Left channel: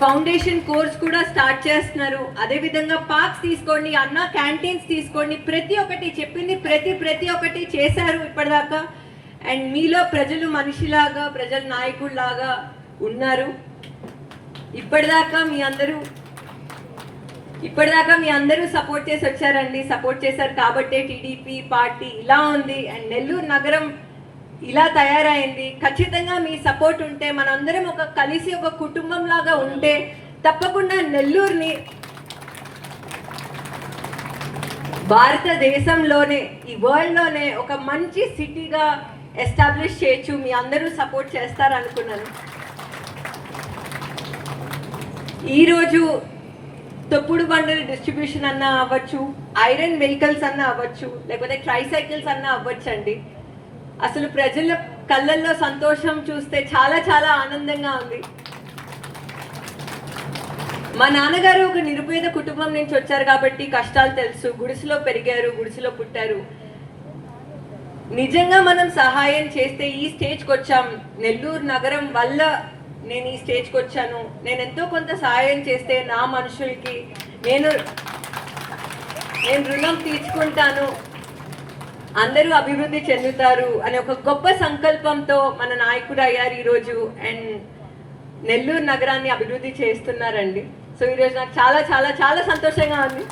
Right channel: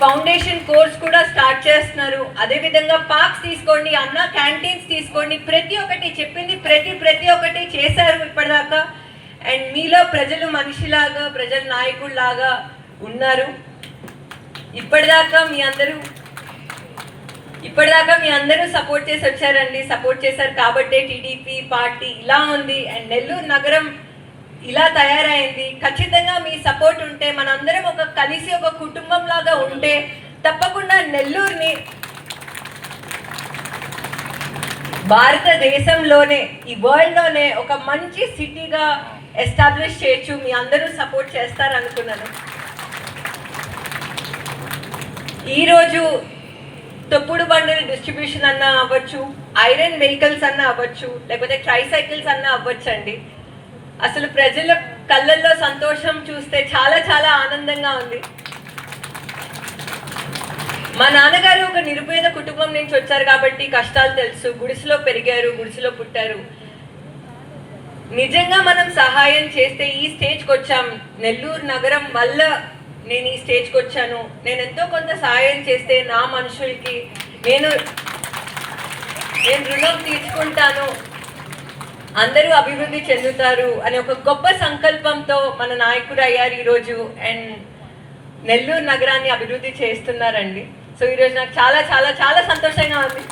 Foundation course కూడా start చేస్తున్నారు. అదేవిధంగా పార్క్స్ తీసుకోండి, అన్న క్యాంటీన్స్ తీసుకోండి, ప్రతి ఒక్కటి చెప్పింది ప్రతి ఒక్కటి చేశారు ఇప్పటిదాకా. అండ్ మీలో ప్రజలు మనిషిలాగా, ప్రజల నాయకుల్లాగా ఉన్నారు. ఇప్పటిదాకా మీ అందరూ సపోర్ట్ చేసి వచ్చారండి. సపోర్ట్ చేశారు కాబట్టే టీడీపీ పార్టీ ఇలా ఉంది అండ్ నెల్లూరు నగరం ఇలా తయారైంది. ఖచ్చితంగా మీ సపోర్ట్ ఉంటే, మనందరం కలిసి ఒక కుటుంబం లాగా ఉంటే తప్పకుండా నెల్లూరుని భారతదేశంలోనే, ఈ వరల్డ్లోనే ఒక మంచి సిటీగా ఎస్టాబ్లిష్ చేయొచ్చు. మీ అందరూ సపోర్ట్ చేస్తారనుకున్నాను. ఈరోజు తొప్పుడు బండల డిస్ట్రిబ్యూషన్ అన్న అవ్వచ్చు, ఐరన్ వెహికల్స్ అన్న అవ్వచ్చు, లేకపోతే ట్రైసైకిల్స్ అన్న అవ్వచ్చు అండి. అసలు ప్రజల కళ్ళల్లో సంతోషం చూస్తే చాలా చాలా ఆనందంగా ఉంది. మా నాన్నగారు ఒక నిరుపేద కుటుంబం నుంచి వచ్చారు కాబట్టి కష్టాలు తెలుసు. గుడిసెలో పెరిగారు, గుడిసెలో పుట్టారు. నిజంగా మనం సహాయం చేస్తే ఈ స్టేజ్కి వచ్చాం. నెల్లూరు నగరం వల్ల నేను ఈ స్టేజ్కి వచ్చాను. నేను ఎంతో కొంత సహాయం చేస్తే నా మనుషులకి నేను రుణం తీర్చుకుంటాను, అందరూ అభివృద్ధి చెందుతారు అనే ఒక గొప్ప సంకల్పంతో మన నాయకుడు అయ్యారు ఈరోజు. అండ్ నెల్లూరు నగరాన్ని అభివృద్ధి చేస్తున్నారండి. సో ఈరోజు నాకు చాలా చాలా చాలా సంతోషంగా ఉంది.